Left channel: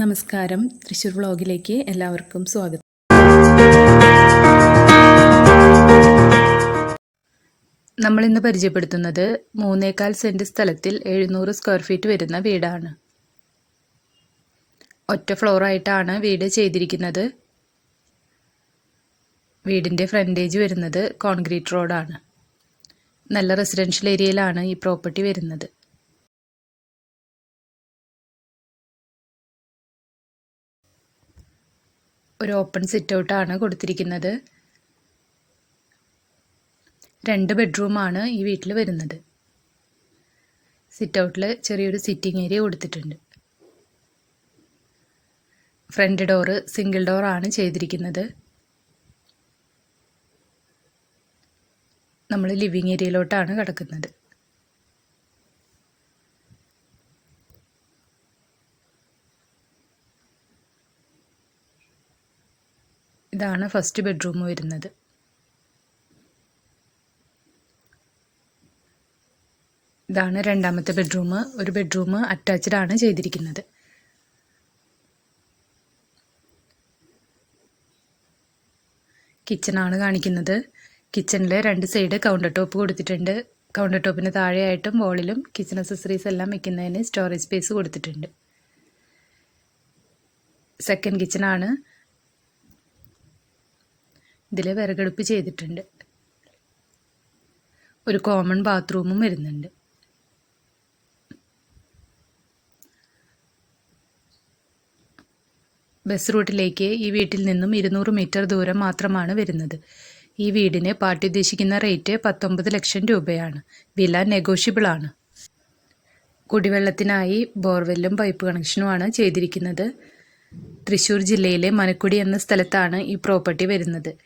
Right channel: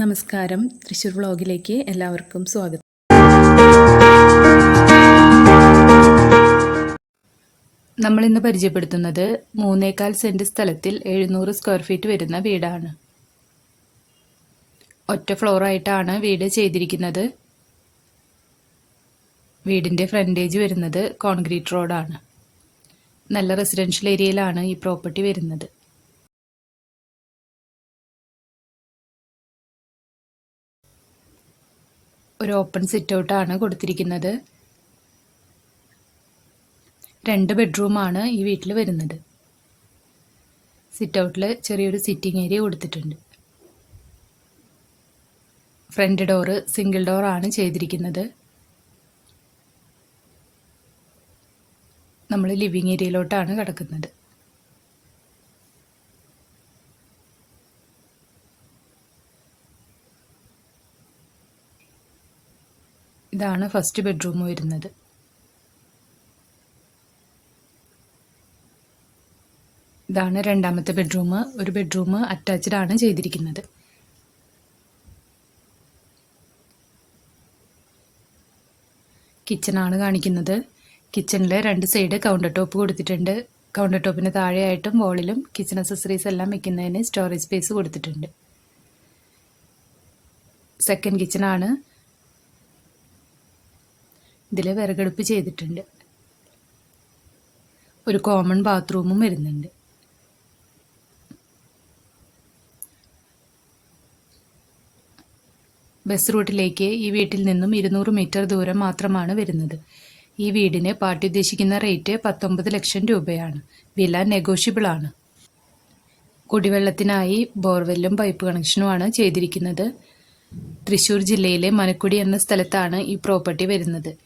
നമസ്കാരം. തൃശ്ശൂർ വ്ളോഗിലേക്ക് എല്ലാവർക്കും സ്വാഗതം. നമ്മൾ ഇന്ന് പരിചയപ്പെടുത്തുന്നത് മൂന്നേകാൽ സെന്റ് സ്ഥലത്തിൽ എഴുന്നൂറ് സ്ക്വയർ ഫീറ്റ് വരുന്ന വീടാണ്. ഒറ്റ ഫ്ലോർ ആയിട്ടാണ് വീട് ചെയ്തിരിക്കുന്നത്. വീടിന്റെ ഫ്രണ്ടേജ് വരുന്നത് കോൺക്രീറ്റ് റോഡാണ് നല്ല റെസിഡൻഷ്യൽ ഏരിയയിലാണ് ഈ പ്രോപ്പർട്ടി വരുന്നത്. ഒരു ഓപ്പൺ സിറ്റ് ഔട്ടാണ് കൊടുത്തിരിക്കുന്നത്. രണ്ട് ബെഡ്റൂമാണ് ഈ വീട്ടിൽ വരുന്നത്. സിറ്റ് ഔട്ടിൽ ചെറിയൊരു സിറ്റിംഗ് ഏരിയ കൊടുത്തിട്ടുണ്ട്. ഫ്രണ്ട് ഡോറ് സിംഗിൾ ഡോറാണ് ചെയ്തിരിക്കുന്നത്. നമ്മൾ ലിവിങ് ഏരിയയിലോട്ടാണ് കിടക്കുന്നത്. ഇതാണ് ഫസ്റ്റ് ബെഡ്റൂം വരുന്നത്. ഇതാണ് രണ്ടാമത്തെ ബെഡ്റൂം. ഒരു ബെഡ്റൂം അറ്റാച്ച്ഡ് ആണ് ചെയ്തിരിക്കുന്നത്. കിച്ചണാണ് കാണിക്കുന്നത്. കിച്ചണിലെ രണ്ട് സൈഡ് കൗണ്ടർ ടോപ്പ് കൊടുത്തിട്ടുണ്ട്. കൗണ്ടർ ടോപ്പിന് താഴെയായിട്ടും വോളിലും കിച്ചൺ അക്സസറീസ് എല്ലാം വെക്കുന്നതിന് സ്റ്റോറേജ് സ്പേസ് കൊടുത്തിട്ടുണ്ട്. സെക്കൻഡ് കിച്ചണാണ് ഇതിൽ വിറകടുപ്പ് ചെയ്തിട്ടുണ്ട്. ഒരു കോമൺ ബാത്റൂമും വരുന്നുണ്ട്. ബസ് റൂട്ടിലേക്ക് ഈ വീട്ടിൽ നിന്നും ഇരുന്നൂറ് മീറ്റർ ദൂരം മാത്രമാണ് വരുന്നത്. ഈ വീടിന് പാർട്ടി ഉദ്ദേശിക്കുന്ന റേറ്റ് പത്തൊമ്പത് ലക്ഷം രൂപയാണ്. വില നെഗോഷ്യബിൾ ആണ്. കുടിവെള്ളത്തിനായി ബോർവെല്ലും പൈപ്പ് കണക്ഷനുമാണ് ചെയ്തിരിക്കുന്നത്. തൃശ്ശൂർ ജില്ലയിലെ മനക്കുടി എന്ന സ്ഥലത്താണ് ഈ പ്രോപ്പർട്ടി വരുന്നത്.